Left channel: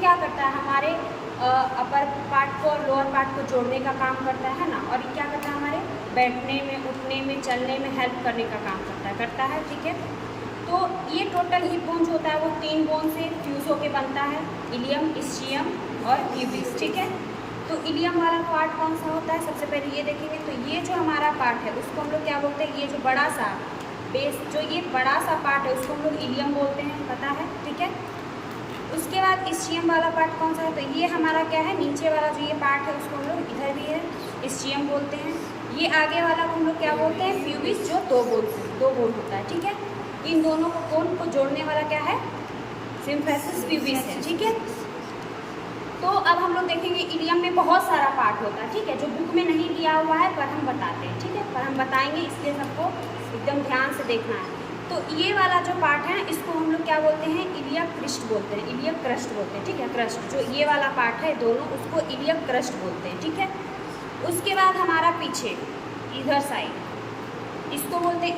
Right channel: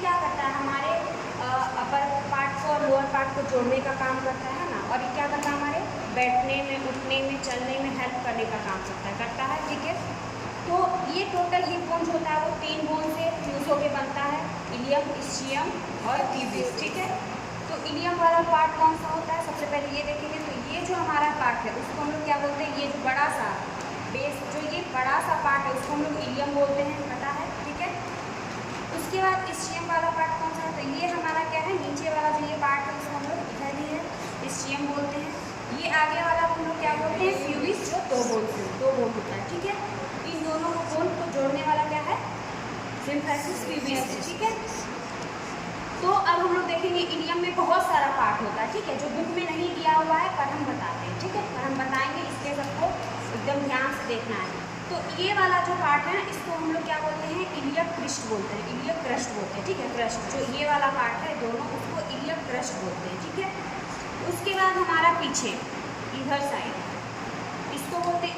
क्या करता है, हमारे अपर पार्ट को और लोअर पार्ट को जोड़ने का काम करता है ना, और ये क्या करता है, हमारे बैठने में, उठने में, चलने में हेल्प करने का काम करता है। ठीक है, तो ये टोटल हिप बोन जो होता है वो 3 बोन से फ्यूज होकर बनता है, इलियम, इस्चियम और प्यूबिस। ठीक है, तो इलियम वाला पार्ट कौन सा होता है, सबसे पहले ये देखेंगे। तो ये जो हमारा पार्ट है उसको हम लोग क्या बोलते हैं, ये जो बड़ा सा बेस, जो ये बड़ा सा पार्ट है उसको हम लोग इलियम बोलते हैं, पता है। ठीक है, उसके बाद इस्चियम वाला पार्ट कौन सा है, तो ये हमारा क्या है, नीचे वाला जो ये पार्ट है उसको हम लोग इधर भी है इस्चियम बोलते हैं। ये आगे वाला हम लोग क्या बोलते हैं, प्यूबिस, जो 2 बोन होता है। ठीक है, इन दोनों को बोन को जोड़ने वाला क्या है, सिम्फेसिस प्यूबिस है। ठीक है, तो अब हम लोग देखेंगे इलियम में बहुत सारा पार्ट होता है। ठीक है, जो बुक में नहीं दिया हुआ है पर हम बताते हैं। ठीक है, पर हम बताएंगे, इसलिए सबको एकदम ध्यान से देखना है। तो ये वाला जो पार्ट है इसको हम लोग क्या बोलते हैं, इलियक क्रस्ट बोलते हैं, इलियक क्रस्ट बोलते हैं। ठीक है, क्रस्ट जो ये वाला पार्ट है दोनों, उसको इलियक क्रस्ट बोलते हैं। ठीक है, उसके बाद हमारा पीछे इधर साइड इसको बोलते हैं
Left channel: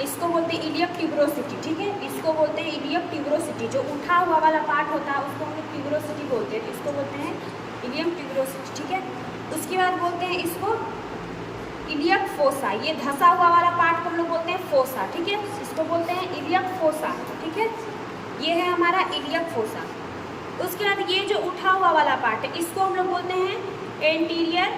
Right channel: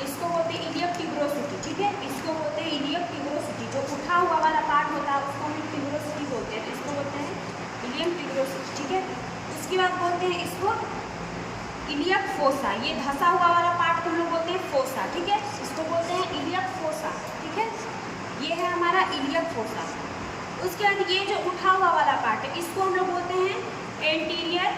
इसको बोलते हैं इलियक ट्यूबरोसिटी। ठीक है, इसको बोलते हैं इलियक ट्यूबरोसिटी, जो उठा हुआ वाला पार्ट होता है उसको हम लोग ट्यूबरोसिटी बोलते हैं, तो इसको बोलते हैं इलियक ट्यूबरोसिटी। ठीक है, उसके बाद बोलते हैं इसको इलियक फोसा, ये धंसा हुआ वाला पार्ट को हम लोग बोलते हैं फोसा। ठीक है, इसको बोलते हैं इलियक फोसा। ठीक है, ये है हमारा इलियक फोसा। उसके बाद ये जो उठा हुआ वाला पार्ट है इसको हम लोग बोलते हैं एंटीरियर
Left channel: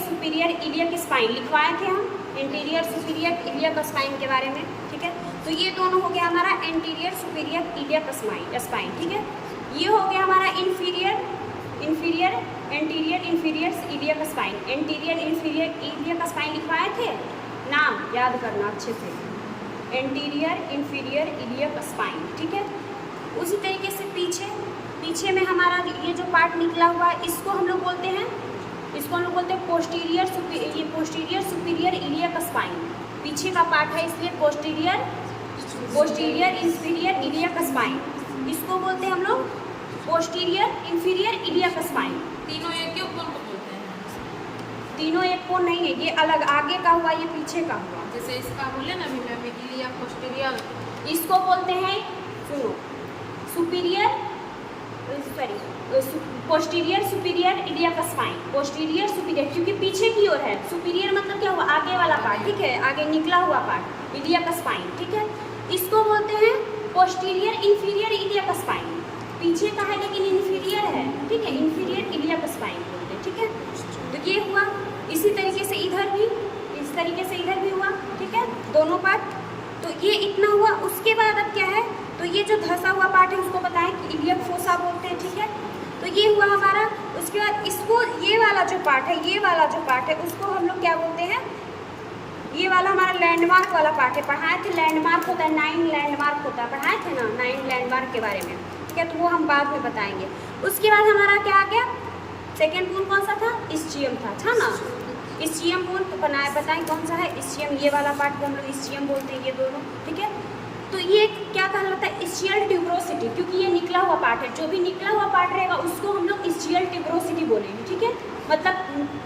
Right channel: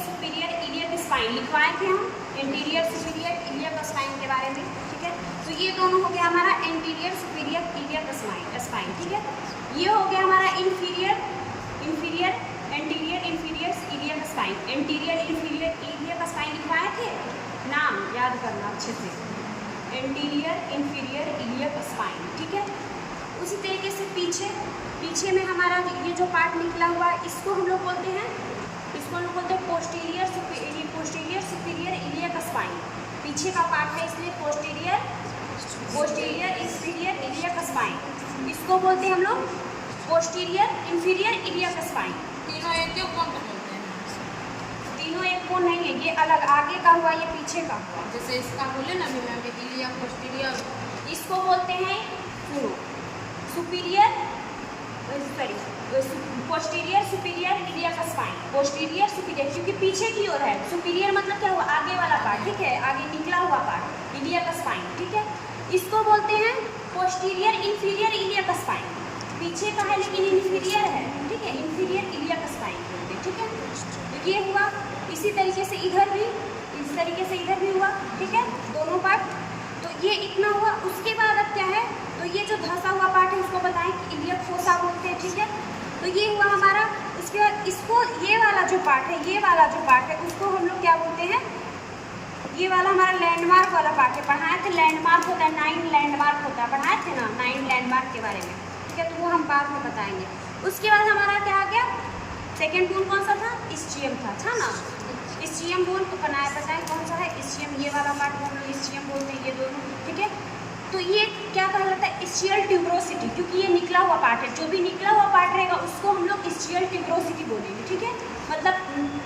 सुपीरियर इलियक स्पाइन, लिखवाए थे हम एंटीरियर सुपीरियर इलियक स्पाइन के बारे में। ठीक है, तो ये दोनों हो गया हमारा एंटीरियर सुपीरियर इलियक स्पाइन। ठीक है, ये हो गया हमारा anterior inferior iliac spine, anterior inferior iliac spine लिखवाए थे, नाम याद करना अच्छे से, एंटीरियर इंफीरियर इलियक स्पाइन। ठीक है, उसी तरीके से पीछे में हमारा ये जो पार्ट निकला हुआ है इसको हम लोग बोलते हैं पोस्टीरियर सुपीरियर इलियक स्पाइन। पीछे का पार्ट है इसलिए पोस्टीरियर इंफीरियर इलियक स्पाइन, इसको बोलते हैं हम लोग पोस्टीरियर इंफीरियर इलियक स्पाइन। तीनों एक ही कोण को बोलते हैं, तीनों एक कोण नहीं है, ये अलग आगे का हुआ, ये पीछे का हुआ। जैसे इसका बोले ना मैंने इलियक पोस्टीरियर, इसको बोलते हैं posterior superior iliac spine, posterior superior, क्योंकि पीछे की ओर है, सुपीरियर मतलब क्या हुआ, आगे वाला पार्ट। ठीक है, आगे निकला हुआ पार्ट, इलियक स्पाइन। ठीक है, इसको बोलते हैं पोस्टीरियर इंफीरियर इलियक स्पाइन, पीछे का है लेकिन इंफीरियर है। ठीक है, इंफीरियर इलियक स्पाइन। ठीक है, तो ये हुआ। इसी तरीके से इधर भी, इस तरीके से इधर भी हुआ। ठीक है, दोनों पार्ट, तो ये इतना हुआ। उसके बाद अब क्या है, तो ये जो धंसा हुआ पार्ट है उसको बताएं कि इलियक फोसा बोलते हैं। ठीक है, तो ये हुआ हमारा। उसके बाद इसको, ये वाला जो पार्ट है उसको हम लोग क्या बोलते हैं, ये वाला हमारा लैंडमार्क वाला पार्ट है, पढ़ाए थे, लैंडमार्क होता है, 9 लैंडमार्क होता है, पढ़ाए थे ना 9 लैंडमार्क के बारे में। ठीक है, तो वो हम बाद में बताएंगे। उसके बाद हमारा क्या आ गया, सेकेंड बोन कौन सा था, इस्चियम था ना। इस्चियम बोन को बताएं कौन सा है, इस्चियम, ये वाला पार्ट को हम लोग इस्चियम बोलते हैं, ये दोनों। ठीक है, तो ये क्या कहलाता है, इस्चियल ट्यूबरोसिटी, क्योंकि ये निकला हुआ पार्ट है, जो भी निकला हुआ पार्ट रहेगा उसको हम लोग इस्चियल ट्यूबरोसिटी बोलेंगे। ठीक है, मतलब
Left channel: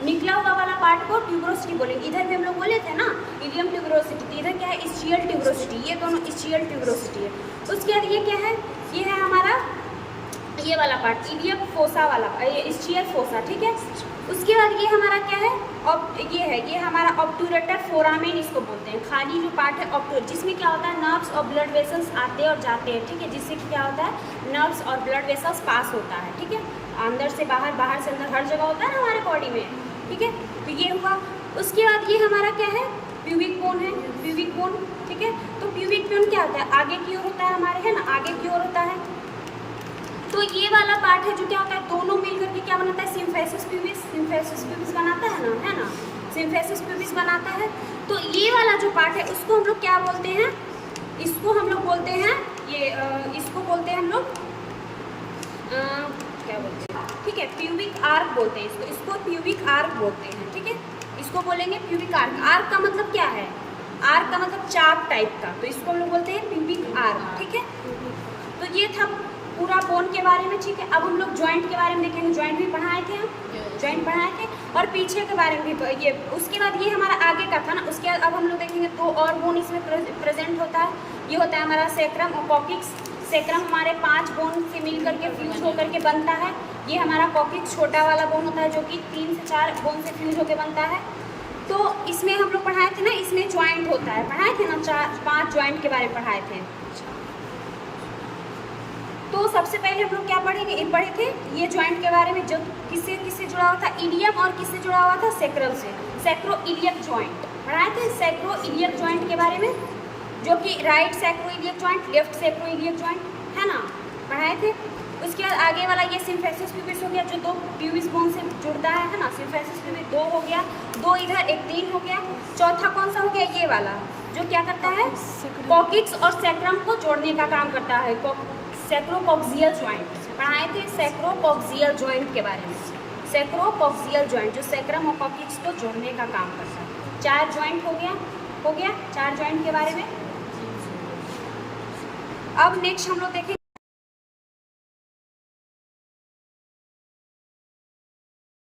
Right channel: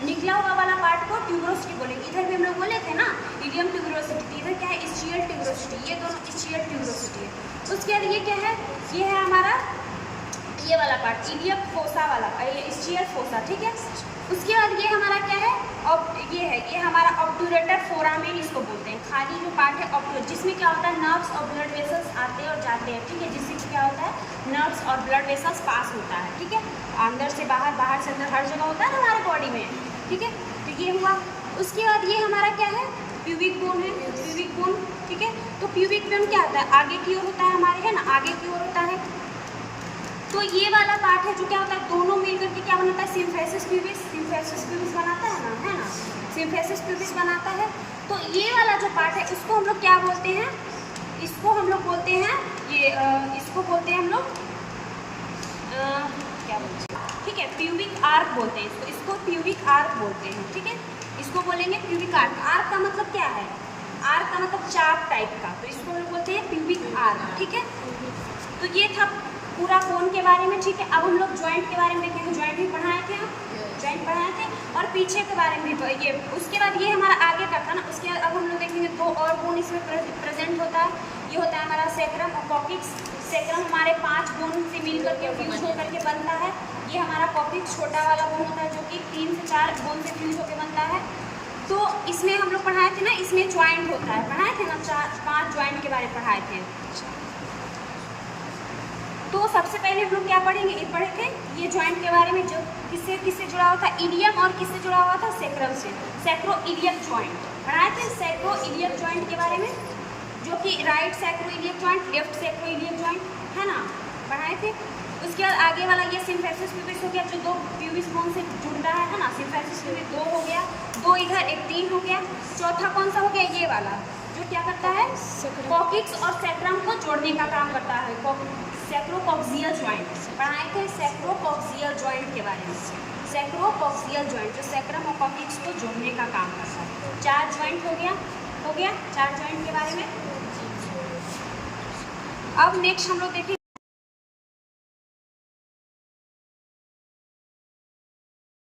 निकला हुआ वाला पार्ट को ट्यूबरोसिटी बोलेंगे। इधर भी हम लोग बोले थे ना इलियम ट्यूबरोसिटी, इधर क्या है, इस्चियल ट्यूबरोसिटी, ये दोनों इस्चियल ट्यूबरोसिटी है। उसके बाद ये क्या है, ये है हमारा ये वाला पार्ट, इलियम फोसा वाला, ये इस्चियल फोसा। ठीक है, उसके बाद ये हमारा क्या है, ये हमारा ऑब्टूरेटर फोरामेन इसको बोलते हैं, खाली जो पार्ट है ऑब्टूरेटर, जिसमें क्या होता है, नर्व्स और ब्लड वेसल्स आते और जाते हैं। ठीक है, जिससे क्या होता है, नर्व्स और ब्लड वेसल्स पास होता है। ठीक है, अंदर से बाहर, बाहर से अंदर, हर जगह होता है ना हमारे बॉडी में। ठीक है, तो ये हुआ। उसके बाद ये हमारा क्या है, प्यूबिक बोन है, प्यूबिक बोन। ठीक है, तो प्यूबिक बोन क्या होता है, आगे की ओर होता है हमारे, है ना, आगे की ओर होता है। तो ये वाला पार्ट है जो क्या होता है, दोनों मिलकर के क्या बनाता है, सिम्फेसिस प्यूबिस बनाता है ना, सिम्फेसिस प्यूबिस बनाता है। तो ये वाला जो पार्ट है उसको हम लोग क्या बोलते हैं, इसको हम लोग बोलते हैं, इसको बोलते हैं हम लोग क्या बोलते हैं, ठीक है, प्यूबिक आर्क बोलते हैं इसको प्यूबिक आर्क बोलते हैं। ठीक है, इसको बोलेंगे प्यूबिक आर्क। आर्क का मतलब क्या है, आर्क का मतलब चाप टाइप का, तो इसको हम लोग बोलते हैं प्यूबिक आर्क। ठीक है, तो ये था पूरा बोन के बारे में। ठीक है, अब हम लोग जॉइंट के बारे में देखेंगे, जॉइंट भी पढ़ाए थे हम, जॉइंट पढ़ाए थे, और पीछे के बारे में भी ये। उसके बाद ये हमारा आगे का था ना, उसके बाद अब हम लोग देखेंगे 2 और बोन इसमें प्रेजेंट होता है। ये होता है हमारा सैक्रम और कॉकिक्स। सैक्रम हमारे 5 बोन से मिलकर के फ्यूज होकर के बनता है। ये हमारा कॉकिक्स छोटा वाला बोन होता है जो कि 3 से 4 बोन से फ्यूज होकर बनता है। तो इसमें हम लोग पढ़ाए थे ना, इसमें ज्वाइंट होता है, पढ़ाए थे ना, 4-5 ज्वाइंट के बारे में पढ़ाए थे। तो सबसे पहले हम लोग क्या पढ़ेंगे, ये पढ़े थे ये ज्वाइंट के बारे में, जो किससे जुड़ा हुआ था, इलियम, और किससे जुड़ा हुआ था, सैक्रम से। सैक्रोइलियक ज्वाइंट पढ़ाए थे, सैक्रोइलियक ज्वाइंट के बारे में, जो कि right sacroiliac joint, left sacroiliac joint है ना, पढ़ाए थे। उसके बाद आगे वाला ये सिम्फेसिस प्यूबिस हो गया, जो 2 प्यूबिस बोन से जुड़ता है ना, सिम्फेसिस प्यूबिस 2 हो गया, 2 इधर, एक 3 हो गया। चौथा कौन सा हो गया, ये वाला, जो क्या करता है, कॉकिक्स और सैक्रम को जोड़ने का काम करता है, सैक्रोकॉक्सियल ज्वाइंट पढ़ाए थे, सैक्रोकॉक्सियल ज्वाइंट के बारे में। सैक्रोकॉक्सियल ज्वाइंट जो सैक्रम और कॉकिक्स को जोड़ने का काम करता है। 4 ज्वाइंट हो गया 4 ज्वाइंट के बारे में। अब नेक्स्ट हम लोग देखें